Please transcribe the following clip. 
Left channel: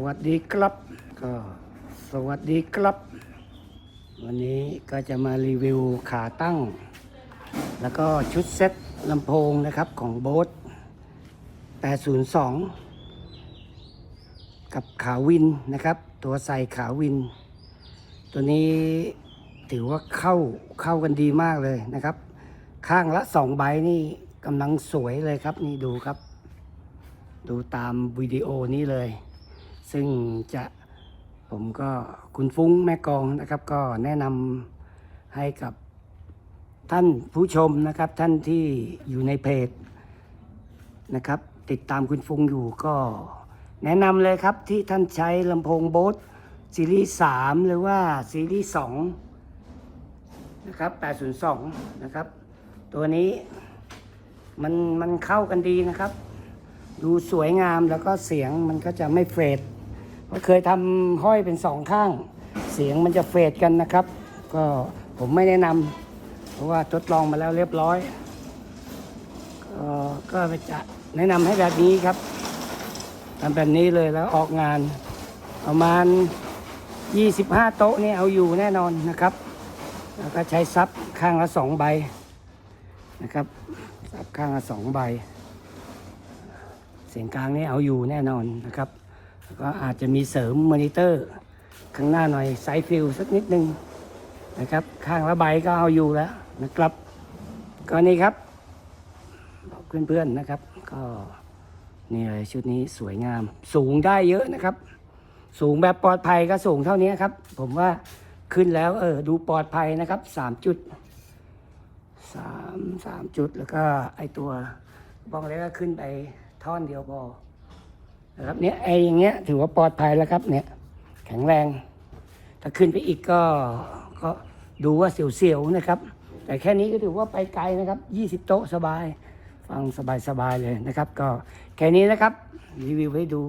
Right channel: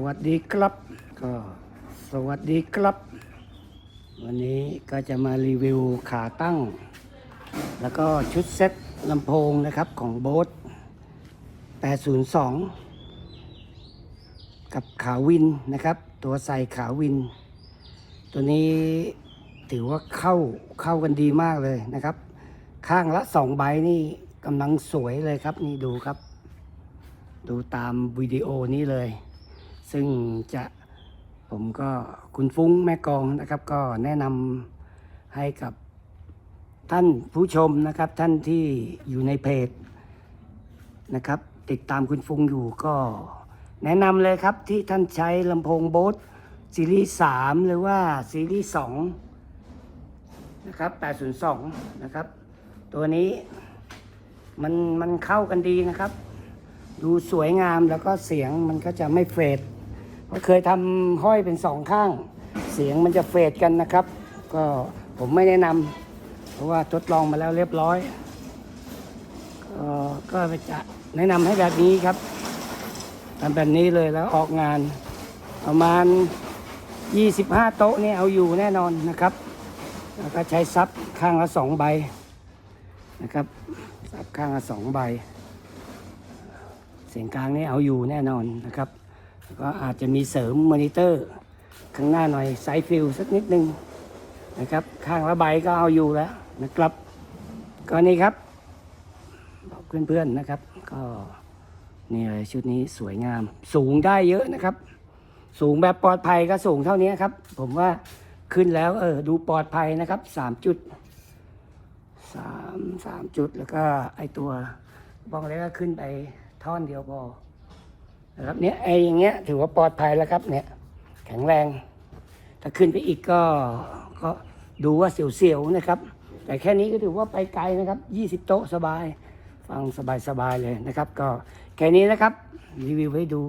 สวัสดีครับสวัสดีครับ วันนี้ก็จะมารีวิวขาตั้ง แล้วก็ชุดเซ็ตลำโพงนะครับของโบส802 กับขาวินนะครับ ตัวใส่ขาวิน ตัวนี้ถือว่าเข้าเข้ากันดีมากเลยนะครับ ข้างละสองใบนี่กำลังสวยเลยครับนี่ดูครับ ดูตามวิดีโอนี้เลย ซึ่งจะผมก็คุณฟุ้งแม่กองนะครับ ก็แนะนำให้กับท่านผู้ชมนะครับ ท่านที่อยู่ในเพจนะครับ ติดตามคุณฟุ้งอยู่ก็แนะนำเลยครับที่ท่านใช้ลำโพงโบสซีรีส์3หรือว่าซีรีส์2นะครับ 802 นะครับ ตัวนี้มันมันเข้ากันดีนะครับ ดูสวยงามแล้วก็เสียงมันก็จะไม่เฟด เคยทำห้อยเป็นสองข้าง เสียงมันจะเฟดกันนะครับ ก็ผมไม่แนะนำเพราะว่าทดลองมาแล้วเรียบร้อยออก็จะแนะนำให้แบบนี้ครับทำแบบนี้เลยแล้วออกงาน ประมาณ 25 โต๊ะนี่เอาอยู่แน่นอนนะครับ แล้วก็ใช้ซับข้างละสองใบนะครับซับข้างละสองใบ เสียงกลางนี่เอาอยู่แน่นอนนะครับ ก็อาจจะมีเสริมมอนิเตอร์ข้างหน้าหน่อยไซฟิลสักนิดนึงนะครับ ข้างละใบก็เอาอยู่แล้วนะครับก็นี่ครับบอกเพื่อนๆนะครับ ก็นี่เลยชุดนี้สวยงาม สูงได้เยอะนะครับ สูงแบบปลอดภัยก็สูงเท่านี้ครับ ผมว่าขึ้นแล้วเออดูปลอดภัยนะครับสามจุดสามสามจุดแล้วก็ไอตัวบ้องเล็กก็ขึ้นไปท่อนเดียวพอ นะครับเนี่ยไออย่างเงี้ยถือว่าปลอดภัยนะครับเนี่ยแข็งแรงถ้าขึ้นไปอีกก็ก็ดูว่าเสียวๆนะครับ แต่แค่นี้ก็ถือว่าไปไกลนะครับยี่สิบโต๊ะสบาย ฟังสบายๆเลยนะครับ ก็แค่นี้นะครับรีวิวให้ดู